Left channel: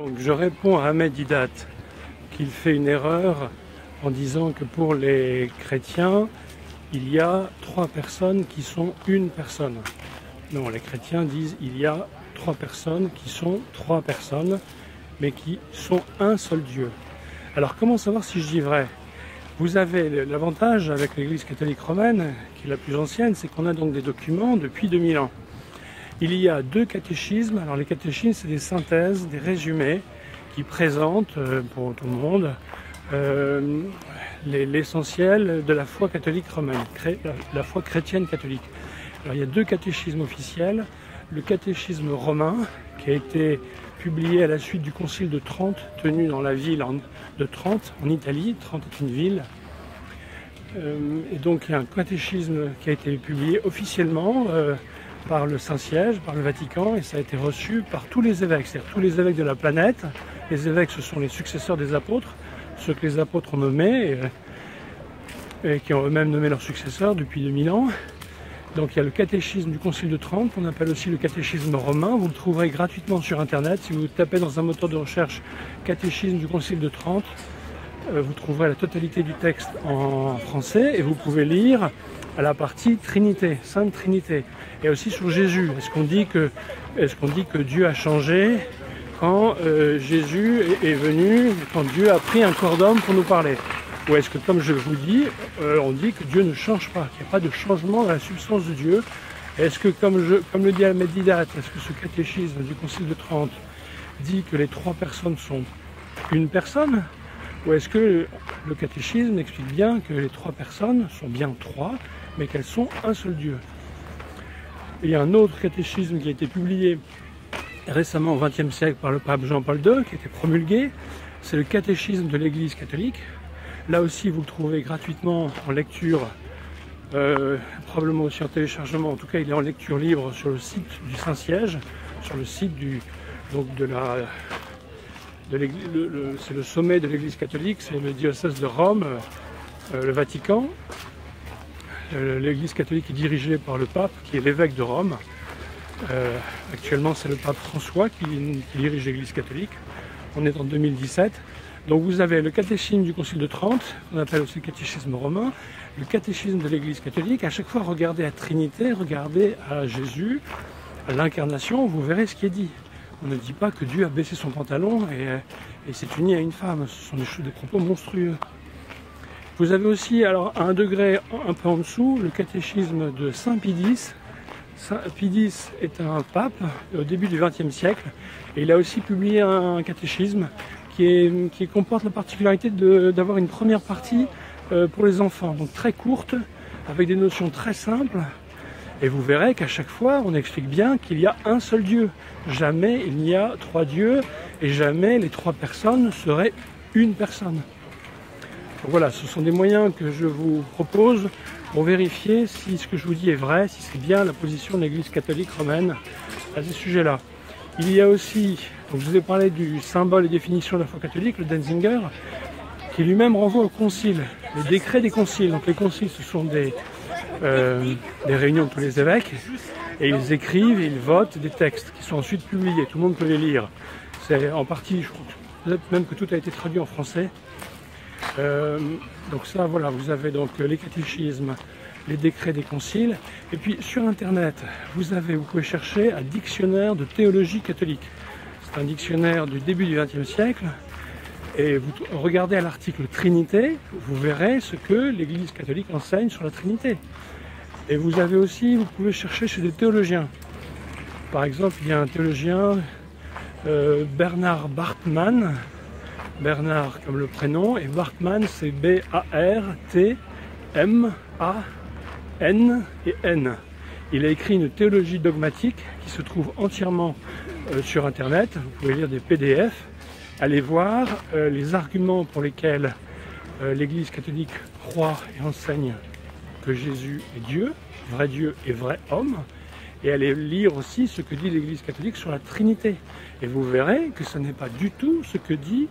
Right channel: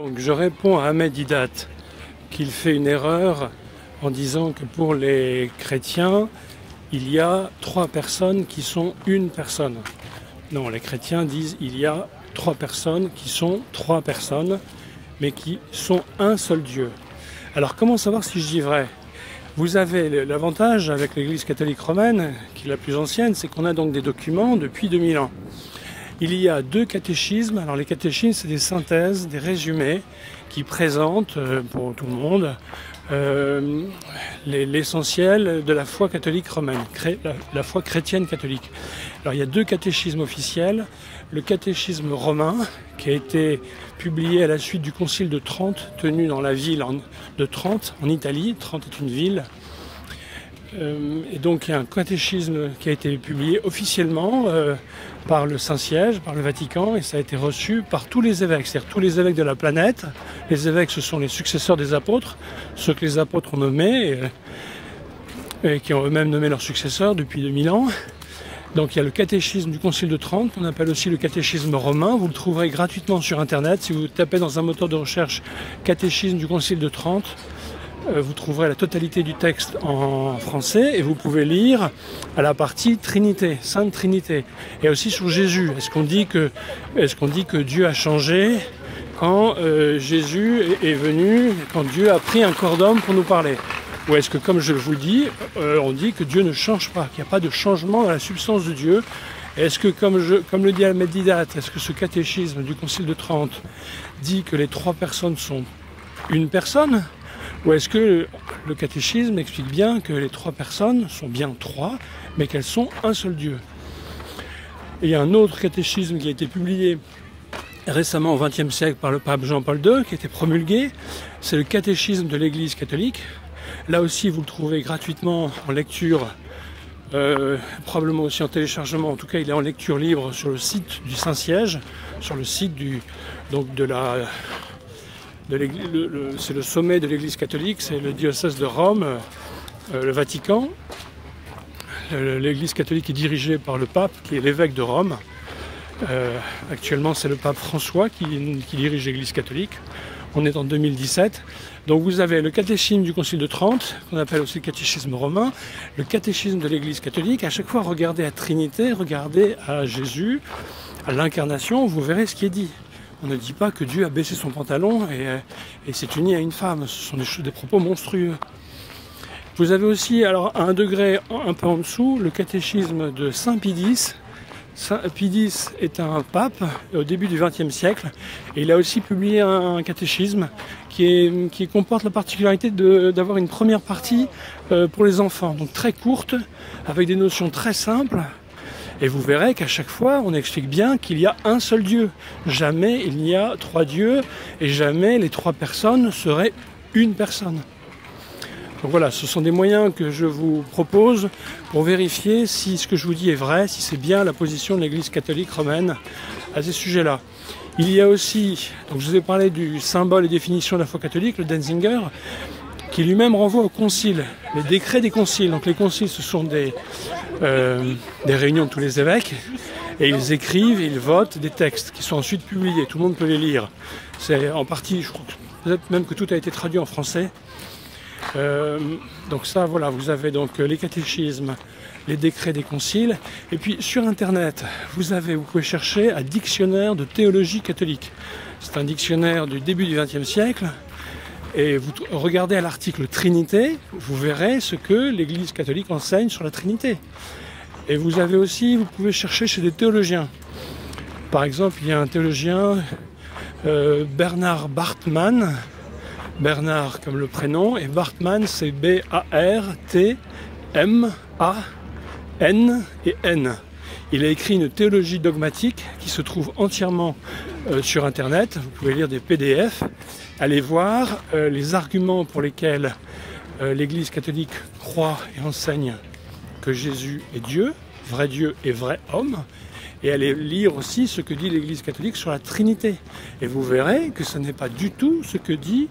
Donc je réponds à Ahmed Didat qu'il fait une erreur en disant que pour les chrétiens, il y a 3 personnes qui sont une personne. Non, les chrétiens disent il y a 3 personnes qui sont 3 personnes, mais qui sont un seul Dieu. Alors comment savoir si je dis vrai? Vous avez l'avantage avec l'Église catholique romaine, qui est la plus ancienne, c'est qu'on a donc des documents depuis 2000 ans. Il y a 2 catéchismes. Alors les catéchismes, c'est des synthèses, des résumés qui présentent pour tout le monde l'essentiel de la foi catholique romaine, la foi chrétienne catholique. Alors il y a 2 catéchismes officiels. Le catéchisme romain, qui a été publié à la suite du concile de Trente, tenu dans la ville de Trente, en Italie. Trente est une ville. Et donc il y a un catéchisme qui a été publié officiellement par le Saint-Siège, par le Vatican, et ça a été reçu par tous les évêques, c'est-à-dire tous les évêques de la planète. Les évêques, ce sont les successeurs des apôtres, ceux que les apôtres ont nommés, et qui ont eux-mêmes nommé leurs successeurs depuis 2000 ans. Donc il y a le catéchisme du Concile de Trente, qu'on appelle aussi le catéchisme romain. Vous le trouverez gratuitement sur Internet. Si vous tapez dans un moteur de recherche « catéchisme du Concile de Trente », vous trouverez la totalité du texte en français et vous pouvez lire à la partie Trinité, Sainte Trinité, et aussi sur Jésus. Est-ce qu'on dit que Dieu a changé quand Jésus est venu, quand Dieu a pris un corps d'homme pour nous parler? Ou est-ce que, comme je vous le dis, on dit que Dieu ne change pas, qu'il n'y a pas de changement dans la substance de Dieu? Est-ce que, comme le dit Ahmed Didat, est-ce que ce catéchisme du Concile de Trente dit que les 3 personnes sont une personne? Ou est-ce que le catéchisme explique bien que les 3 personnes sont bien 3, mais qu'elles sont un seul Dieu? Et il y a un autre catéchisme qui a été publié récemment au XXe siècle par le pape Jean-Paul II, qui a été promulgué. C'est le catéchisme de l'Église catholique. Là aussi, vous le trouvez gratuitement en lecture, probablement aussi en téléchargement. En tout cas, il est en lecture libre sur le site du Saint-Siège, sur le site c'est le sommet de l'Église catholique, c'est le diocèse de Rome, le Vatican. L'Église catholique est dirigée par le pape, qui est l'évêque de Rome. Actuellement, c'est le pape François qui dirige l'Église catholique. On est en 2017. Donc vous avez le catéchisme du Concile de Trente, qu'on appelle aussi le catéchisme romain, le catéchisme de l'Église catholique. À chaque fois, regardez à Trinité, regardez à Jésus, à l'incarnation, vous verrez ce qui est dit. On ne dit pas que Dieu a baissé son pantalon et s'est uni à une femme. Ce sont des propos monstrueux. Vous avez aussi, alors à un degré un peu en dessous, le catéchisme de Saint Pie X. Pie X est un pape au début du XXe siècle et il a aussi publié un catéchisme qui comporte la particularité d'avoir une première partie pour les enfants, donc très courte, avec des notions très simples. Et vous verrez qu'à chaque fois, on explique bien qu'il y a un seul Dieu. Jamais il n'y a 3 dieux et jamais les 3 personnes seraient une personne. Donc voilà, ce sont des moyens que je vous propose pour vérifier si ce que je vous dis est vrai, si c'est bien la position de l'Église catholique romaine à ces sujets-là. Il y a aussi, donc je vous ai parlé du symbole et définition de la foi catholique, le Denzinger, qui lui-même renvoie au concile, les décrets des conciles. Donc les conciles, ce sont des réunions de tous les évêques, et ils écrivent et ils votent des textes qui sont ensuite publiés. Tout le monde peut les lire. C'est en partie, je crois, peut-être même que tout a été traduit en français. Donc ça, voilà, vous avez donc les catéchismes, les décrets des conciles, et puis sur Internet, vous pouvez chercher un dictionnaire de théologie catholique. C'est un dictionnaire du début du XXe siècle. Et vous regardez à l'article Trinité, vous verrez ce que l'Église catholique enseigne sur la Trinité. Et vous pouvez chercher chez des théologiens. Par exemple, il y a un théologien, Bernard Bartmann, Bernard comme le prénom, et Bartmann c'est B-A-R-T-M-A-N et N. Il a écrit une théologie dogmatique qui se trouve entièrement sur Internet. Vous pouvez lire des PDF. Allez voir les arguments pour lesquels l'Église catholique croit et enseigne que Jésus est Dieu et vrai homme. Et allez lire aussi ce que dit l'Église catholique sur la Trinité. Et vous verrez que ce n'est pas du tout ce que dit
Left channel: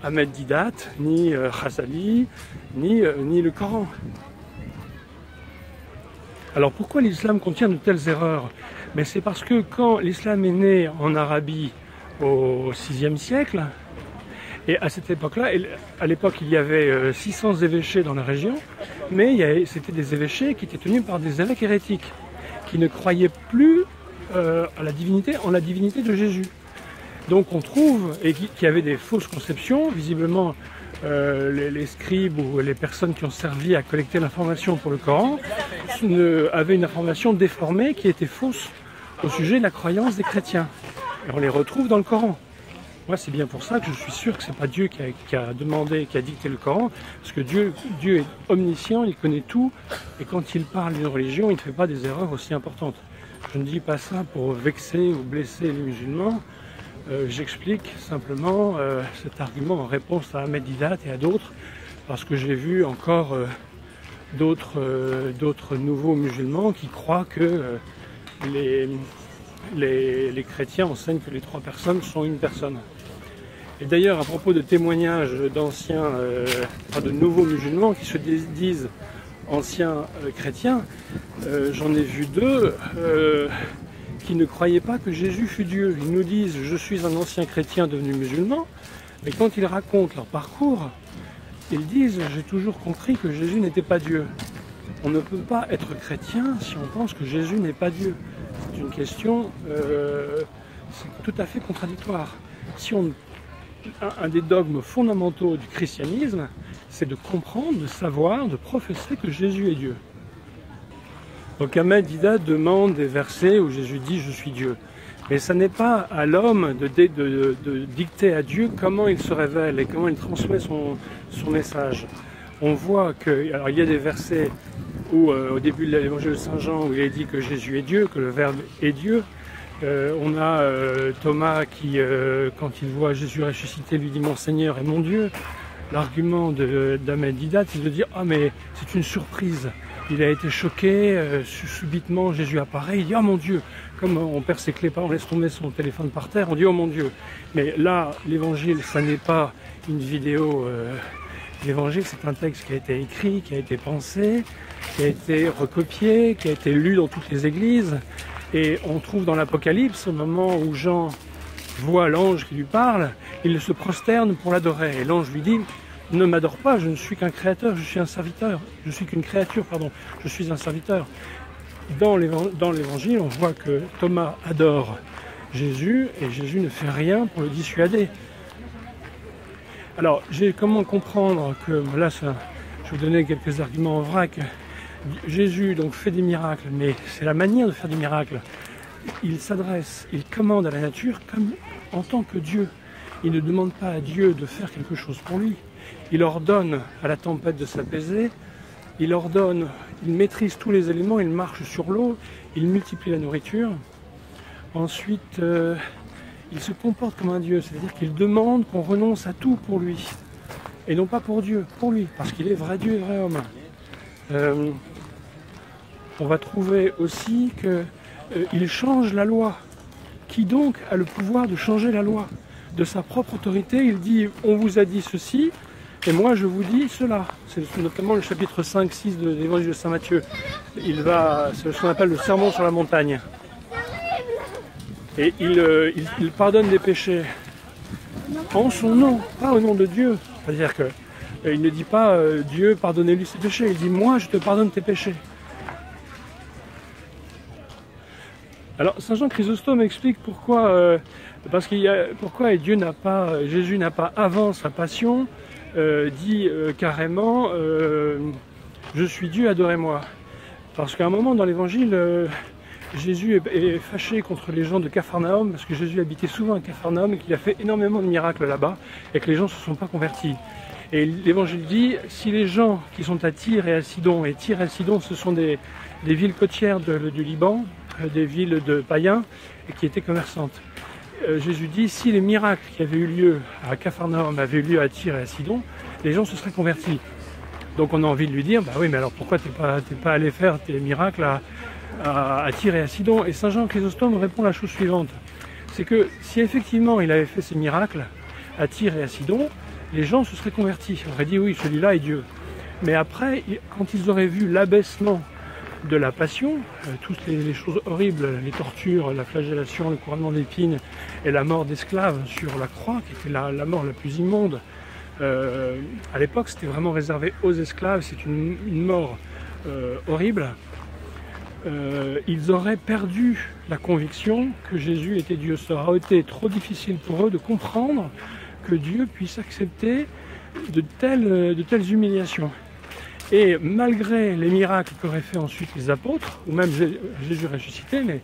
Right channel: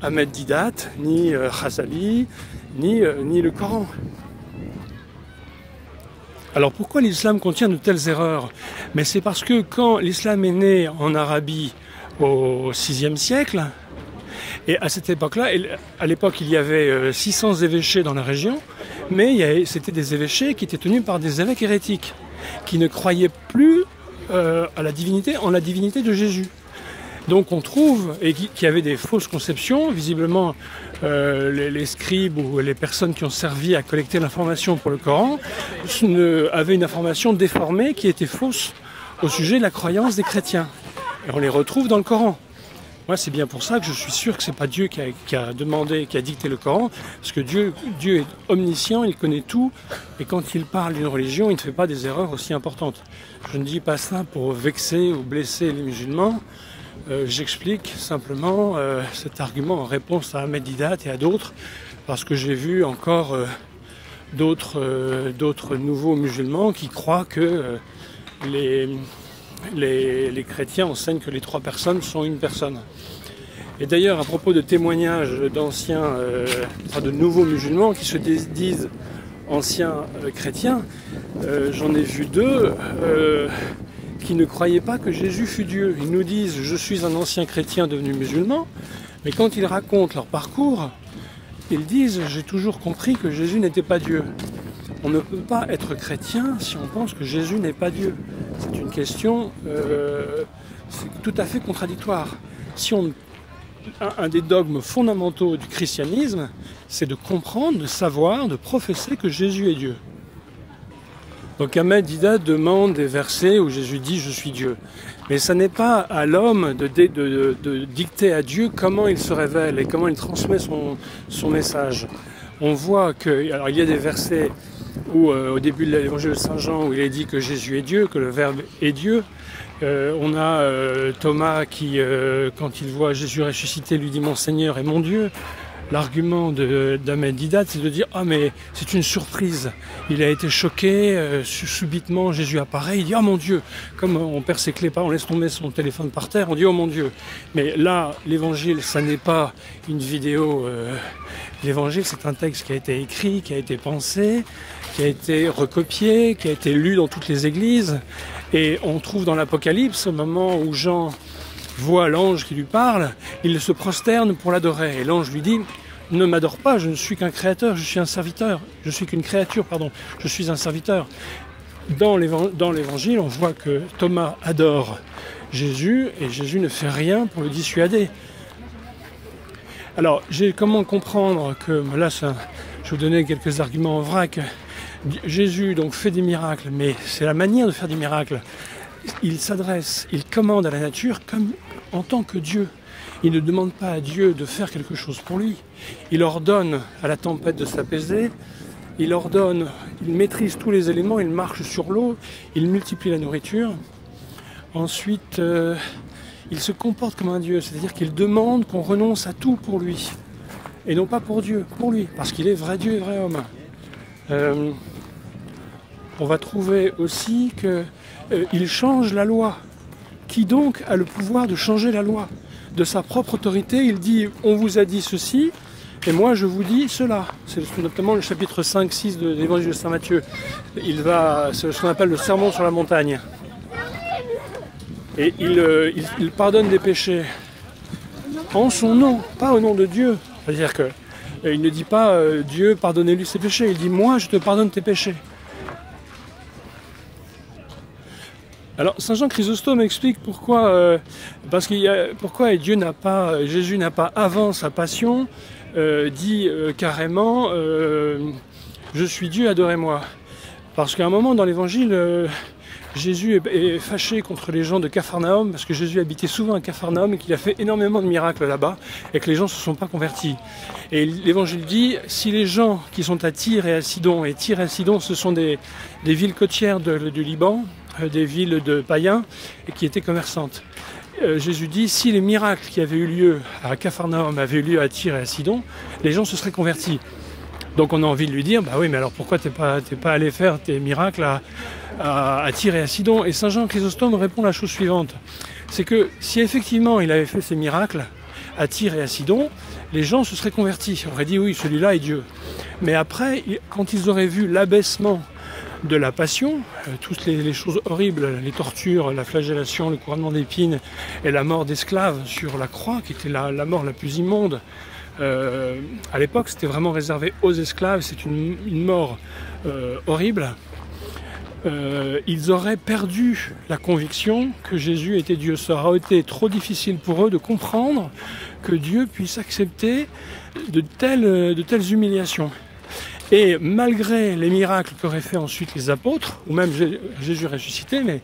Ahmed Didat, ni Ghazali, ni le Coran. Alors pourquoi l'islam contient de telles erreurs? Mais c'est parce que quand l'islam est né en Arabie au VIe siècle. Et à cette époque-là, à l'époque, il y avait 600 évêchés dans la région, mais c'était des évêchés qui étaient tenus par des évêques hérétiques, qui ne croyaient plus en la divinité de Jésus. Donc on trouve, et qui avaient des fausses conceptions, visiblement les scribes ou les personnes qui ont servi à collecter l'information pour le Coran avaient une information déformée qui était fausse au sujet de la croyance des chrétiens. Et on les retrouve dans le Coran. Moi, c'est bien pour ça que je suis sûr que c'est pas Dieu qui a demandé, qui a dicté le Coran, parce que Dieu est omniscient, il connaît tout, et quand il parle d'une religion, il ne fait pas des erreurs aussi importantes. Je ne dis pas ça pour vexer ou blesser les musulmans, j'explique simplement cet argument en réponse à Ahmed Didat et à d'autres, parce que j'ai vu encore d'autres nouveaux musulmans qui croient que les chrétiens enseignent que les 3 personnes sont une personne. Et d'ailleurs, à propos de témoignages d'anciens, de nouveaux musulmans qui se disent anciens chrétiens, j'en ai vu 2 qui ne croyaient pas que Jésus fut Dieu. Ils nous disent « je suis un ancien chrétien devenu musulman », mais quand ils racontent leur parcours, ils disent « j'ai toujours compris que Jésus n'était pas Dieu ». On ne peut pas être chrétien si on pense que Jésus n'est pas Dieu. C'est une question c'est tout à fait contradictoire. Un des dogmes fondamentaux du christianisme, c'est de comprendre, de savoir, de professer que Jésus est Dieu. Donc Ahmed Didat demande des versets où Jésus dit « je suis Dieu ». Mais ce n'est pas à l'homme de dicter à Dieu comment il se révèle et comment il transmet son message. On voit que, alors il y a des versets où au début de l'évangile de Saint Jean où il est dit que Jésus est Dieu, que le Verbe est Dieu. On a Thomas qui, quand il voit Jésus ressuscité, lui dit « Mon Seigneur et mon Dieu ». L'argument d'Ahmed Didat, c'est de dire « Ah mais c'est une surprise, il a été choqué, subitement Jésus apparaît, il dit « Ah mon Dieu !» Comme on perd ses clés, on laisse tomber son téléphone par terre, on dit « Oh mon Dieu !» Mais là, l'évangile, ça n'est pas une vidéo. L'évangile, c'est un texte qui a été écrit, qui a été pensé, qui a été recopié, qui a été lu dans toutes les églises. Et on trouve dans l'Apocalypse, au moment où Jean voit l'ange qui lui parle, il se prosterne pour l'adorer. Et l'ange lui dit « Ne m'adore pas, je ne suis qu'un créateur, je suis un serviteur. Je suis qu'une créature, pardon, je suis un serviteur. » Dans l'évangile, on voit que Thomas adore Jésus et Jésus ne fait rien pour le dissuader. Alors, comment comprendre que, là, je vais vous donner quelques arguments en vrac. Jésus donc fait des miracles, mais c'est la manière de faire des miracles. Il commande à la nature comme en tant que Dieu. Il ne demande pas à Dieu de faire quelque chose pour lui. Il ordonne à la tempête de s'apaiser. Il maîtrise tous les éléments, il marche sur l'eau, il multiplie la nourriture. Ensuite, il se comporte comme un Dieu, c'est-à-dire qu'il demande qu'on renonce à tout pour lui. Et non pas pour Dieu, pour lui, parce qu'il est vrai Dieu et vrai homme. On va trouver aussi qu'il change la loi. Qui donc a le pouvoir de changer la loi? De sa propre autorité, il dit « on vous a dit ceci, et moi je vous dis cela ». C'est notamment le chapitre 5-6 de l'évangile de Saint Matthieu. C'est ce qu'on appelle le sermon sur la montagne. Et il pardonne des péchés en son nom, pas au nom de Dieu. C'est-à-dire qu'il ne dit pas Dieu, pardonnez-lui ses péchés. Il dit moi, je te pardonne tes péchés. Alors Saint Jean Chrysostome explique pourquoi, pourquoi Jésus n'a pas avant sa passion dit carrément je suis Dieu, adorez-moi. Parce qu'à un moment dans l'évangile, Jésus est fâché contre les gens de Capharnaüm, parce que Jésus habitait souvent à Capharnaüm et qu'il a fait énormément de miracles là-bas, et que les gens ne se sont pas convertis. Et l'évangile dit, si les gens qui sont à Tyr et à Sidon, et Tyr et Sidon ce sont des villes côtières du Liban, des villes de païens, et qui étaient commerçantes. Jésus dit, si les miracles qui avaient eu lieu à Capharnaüm avaient eu lieu à Tyr et à Sidon, les gens se seraient convertis. Donc on a envie de lui dire, bah oui, mais alors pourquoi t'es pas allé faire tes miracles à Tyr et à Sidon? Et Saint Jean Chrysostome répond la chose suivante, c'est que si effectivement il avait fait ces miracles à Tyr et à Sidon, les gens se seraient convertis, on aurait dit oui, celui-là est Dieu. Mais après, quand ils auraient vu l'abaissement de la passion, toutes les choses horribles, les tortures, la flagellation, le couronnement d'épines et la mort d'esclaves sur la croix, qui était la mort la plus immonde. À l'époque, c'était vraiment réservé aux esclaves, c'est une mort horrible. Ils auraient perdu la conviction que Jésus était Dieu. Ça aurait été trop difficile pour eux de comprendre que Dieu puisse accepter de telles humiliations. Et malgré les miracles qu'auraient fait ensuite les apôtres, ou même Jésus ressuscité, mais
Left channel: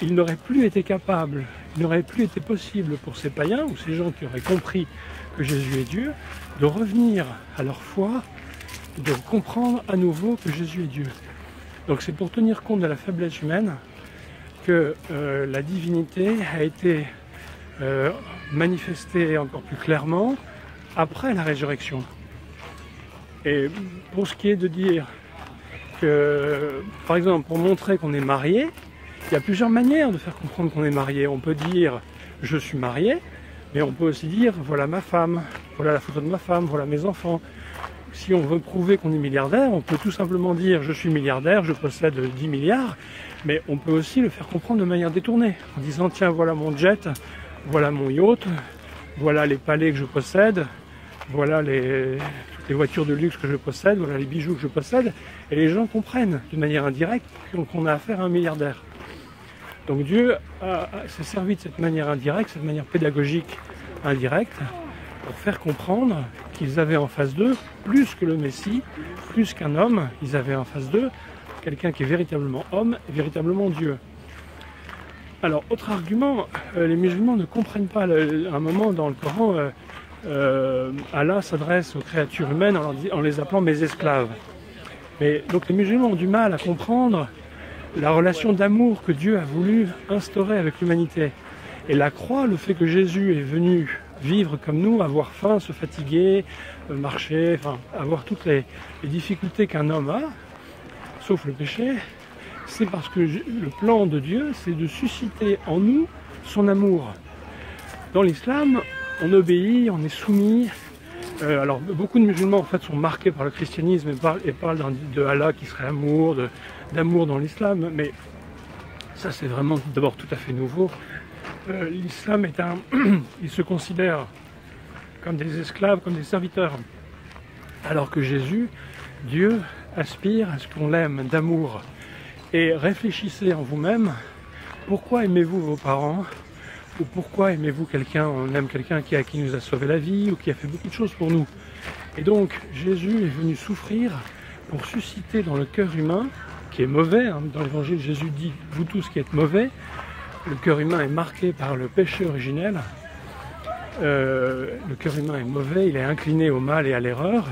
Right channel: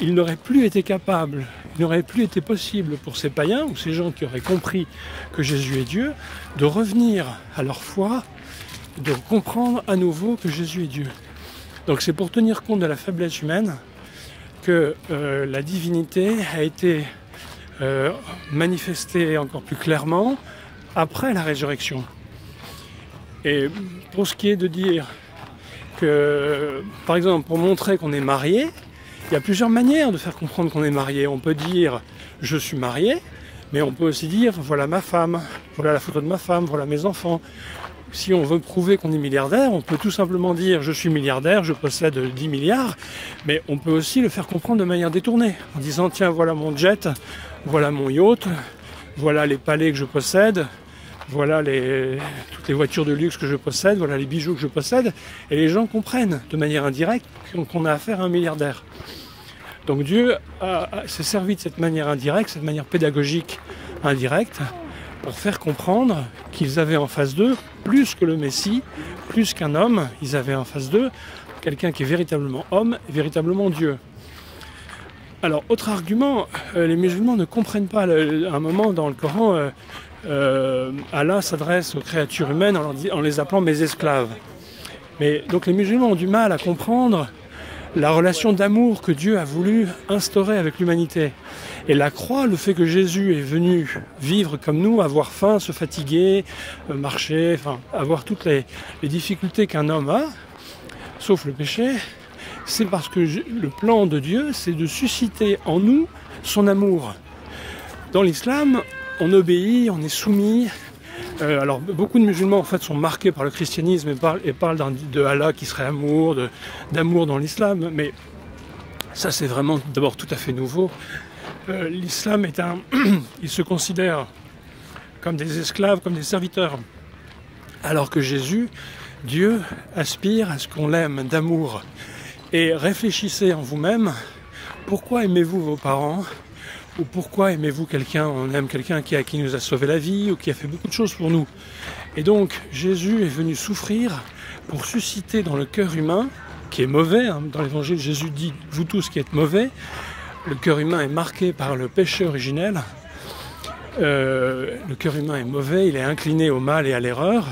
il n'aurait plus été capable, il n'aurait plus été possible pour ces païens, ou ces gens qui auraient compris que Jésus est Dieu, de revenir à leur foi, de comprendre à nouveau que Jésus est Dieu. Donc c'est pour tenir compte de la faiblesse humaine que la divinité a été manifestée encore plus clairement après la résurrection. Et pour ce qui est de dire que, par exemple, pour montrer qu'on est marié, il y a plusieurs manières de faire comprendre qu'on est marié. On peut dire « je suis marié », mais on peut aussi dire « voilà ma femme, voilà la photo de ma femme, voilà mes enfants ». Si on veut prouver qu'on est milliardaire, on peut tout simplement dire « je suis milliardaire, je possède 10 milliards », mais on peut aussi le faire comprendre de manière détournée, en disant « tiens, voilà mon jet, voilà mon yacht, voilà les palais que je possède ». Voilà toutes les voitures de luxe que je possède, voilà les bijoux que je possède, et les gens comprennent de manière indirecte qu'on a affaire à un milliardaire. Donc Dieu s'est servi de cette manière indirecte, cette manière pédagogique indirecte, pour faire comprendre qu'ils avaient en face d'eux, plus que le Messie, plus qu'un homme, ils avaient en face d'eux quelqu'un qui est véritablement homme et véritablement Dieu. Alors, autre argument, les musulmans ne comprennent pas, à un moment dans le Coran, Allah s'adresse aux créatures humaines en les appelant mes esclaves. Mais donc les musulmans ont du mal à comprendre la relation d'amour que Dieu a voulu instaurer avec l'humanité. Et la croix, le fait que Jésus est venu vivre comme nous, avoir faim, se fatiguer, marcher, enfin, avoir toutes les difficultés qu'un homme a, sauf le péché, c'est parce que le plan de Dieu, c'est de susciter en nous son amour. Dans l'islam, on obéit, on est soumis. Alors beaucoup de musulmans en fait sont marqués par le christianisme et parlent de Allah qui serait amour, d'amour dans l'islam, mais ça c'est vraiment d'abord tout à fait nouveau. L'islam est il se considère comme des esclaves, comme des serviteurs, alors que Jésus, Dieu, aspire à ce qu'on l'aime d'amour. Et réfléchissez en vous-même, pourquoi aimez-vous vos parents ? Ou pourquoi aimez-vous quelqu'un? On aime quelqu'un qui nous a sauvé la vie ou qui a fait beaucoup de choses pour nous. Et donc Jésus est venu souffrir pour susciter dans le cœur humain, qui est mauvais, hein, dans l'évangile Jésus dit « vous tous qui êtes mauvais », le cœur humain est marqué par le péché originel, le cœur humain est mauvais, il est incliné au mal et à l'erreur,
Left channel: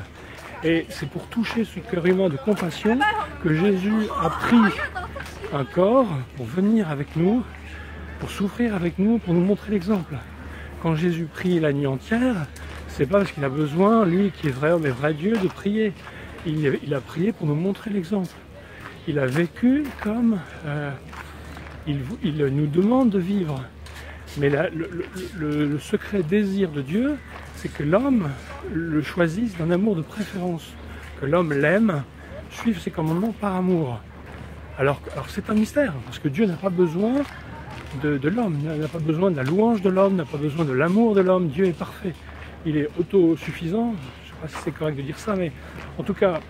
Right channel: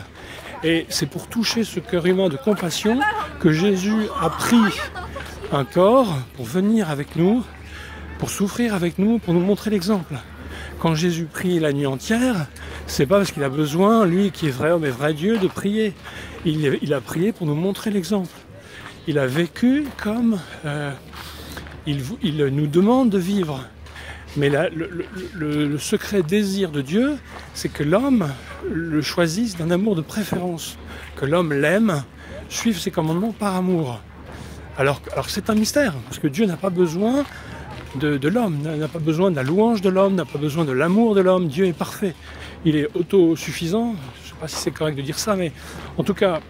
et c'est pour toucher ce cœur humain de compassion que Jésus a pris un corps pour venir avec nous, pour souffrir avec nous, pour nous montrer l'exemple. Quand Jésus prie la nuit entière, c'est pas parce qu'il a besoin, lui qui est vrai homme et vrai Dieu, de prier. Il a prié pour nous montrer l'exemple. Il a vécu comme il nous demande de vivre. Mais là, le secret désir de Dieu, c'est que l'homme le choisisse d'un amour de préférence, que l'homme l'aime, suive ses commandements par amour. Alors c'est un mystère, parce que Dieu n'a pas besoin de l'homme, n'a pas besoin de la louange de l'homme, n'a pas besoin de l'amour de l'homme. Dieu est parfait, il est autosuffisant. Je ne sais pas si c'est correct de dire ça, mais en tout cas,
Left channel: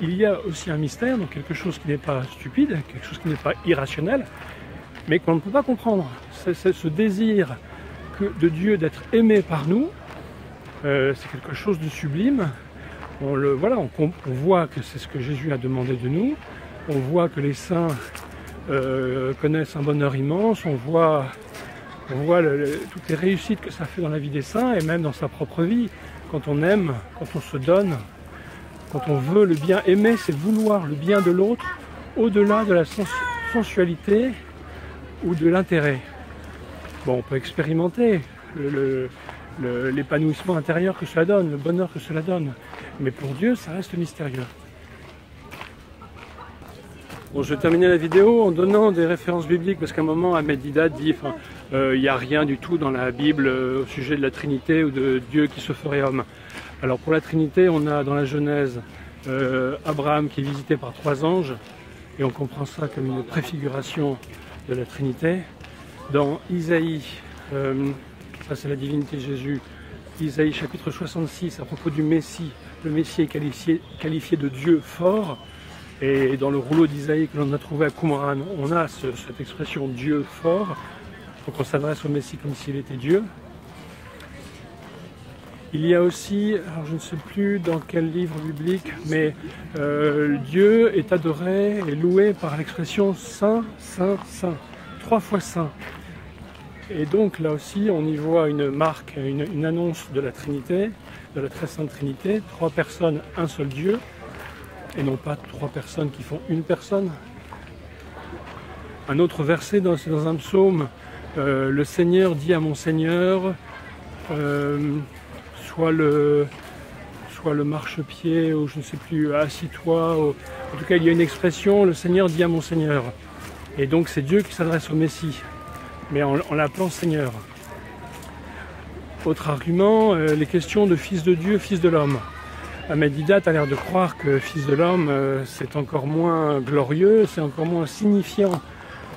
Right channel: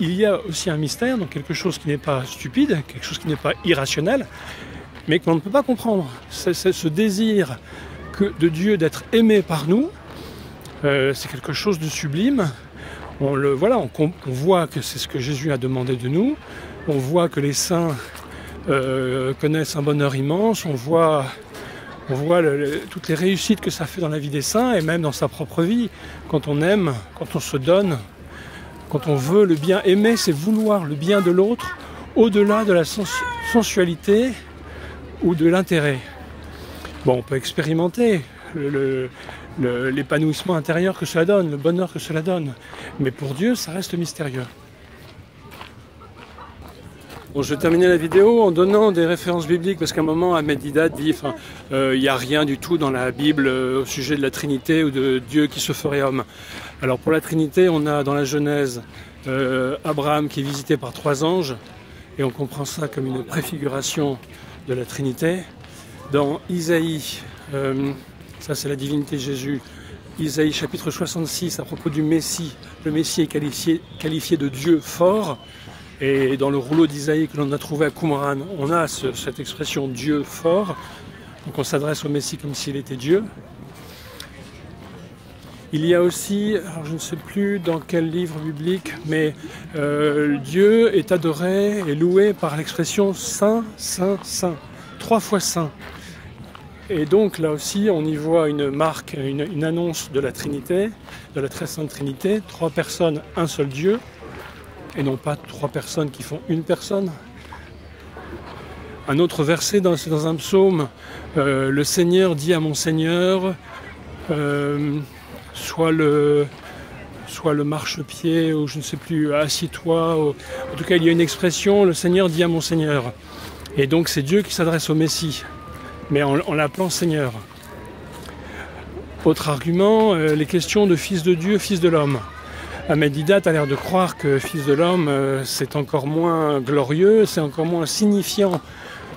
il y a aussi un mystère, donc quelque chose qui n'est pas stupide, quelque chose qui n'est pas irrationnel, mais qu'on ne peut pas comprendre. C'est ce désir de Dieu d'être aimé par nous, c'est quelque chose de sublime. On voit que c'est ce que Jésus a demandé de nous, on voit que les saints connaissent un bonheur immense, on voit toutes les réussites que ça fait dans la vie des saints et même dans sa propre vie. Quand on aime, quand on se donne, quand on veut le bien, aimer c'est vouloir le bien de l'autre au-delà de la sensualité ou de l'intérêt. Bon, on peut expérimenter l'épanouissement intérieur que cela donne, le bonheur que cela donne, mais pour Dieu ça reste mystérieux. Bon, je vais terminer la vidéo en donnant des références bibliques parce qu'à un moment, Ahmed Didat dit il n'y a rien du tout dans la Bible au sujet de la Trinité ou de Dieu qui se ferait homme. Alors pour la Trinité, on a dans la Genèse Abraham qui est visité par 3 anges et on comprend ça comme une préfiguration de la Trinité. Dans Isaïe, ça c'est la divinité de Jésus, Isaïe chapitre 66 à propos du Messie, le Messie est qualifié de Dieu fort, et dans le rouleau d'Isaïe que l'on a trouvé à Qumran, on a cette expression Dieu fort, donc on s'adresse au Messie comme s'il était Dieu. Il y a aussi, je ne sais plus dans quel livre biblique, mais Dieu est adoré et loué par l'expression Saint, Saint, Saint, 3 fois Saint. Et donc là aussi, on y voit une marque, une annonce de la Trinité, de la très sainte Trinité, 3 personnes, un seul Dieu, et non pas 3 personnes qui font une personne. Un autre verset dans un psaume, le Seigneur dit à mon Seigneur, soit le marchepied, ou je ne sais plus, assis-toi. En tout cas, il y a une expression, le Seigneur dit à mon Seigneur. Et donc c'est Dieu qui s'adresse au Messie, mais en l'appelant Seigneur. Autre argument, les questions de fils de Dieu, fils de l'homme. Ahmed Didat a l'air de croire que fils de l'homme, c'est encore moins glorieux, c'est encore moins signifiant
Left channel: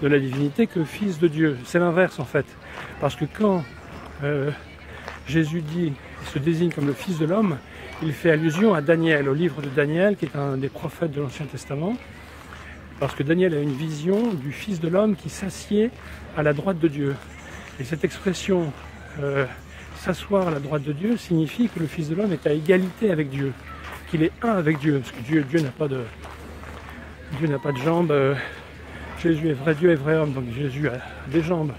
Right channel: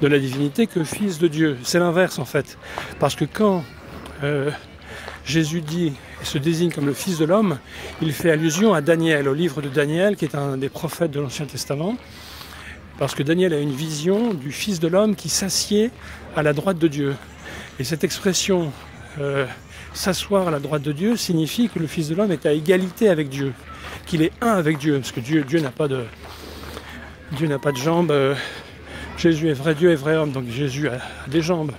de la divinité que fils de Dieu. C'est l'inverse en fait. Parce que quand Jésus dit, se désigne comme le fils de l'homme, il fait allusion à Daniel, au livre de Daniel, qui est un des prophètes de l'Ancien Testament. Parce que Daniel a une vision du fils de l'homme qui s'assied à la droite de Dieu. Et cette expression, s'asseoir à la droite de Dieu, signifie que le fils de l'homme est à égalité avec Dieu, qu'il est un avec Dieu, parce que Dieu n'a pas de jambes. Jésus est vrai Dieu et vrai homme, donc Jésus a des jambes.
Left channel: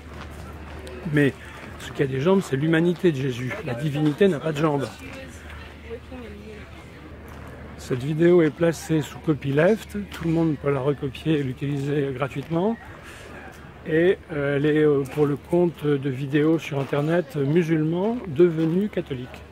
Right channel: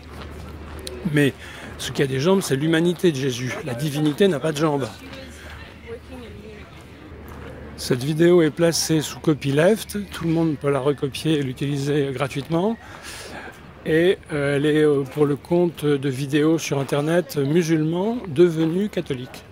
Mais ce qui a des jambes, c'est l'humanité de Jésus. La divinité n'a pas de jambes. Cette vidéo est placée sous copyleft, tout le monde peut la recopier et l'utiliser gratuitement. Et elle est pour le compte de vidéos sur internet musulmans devenus catholiques.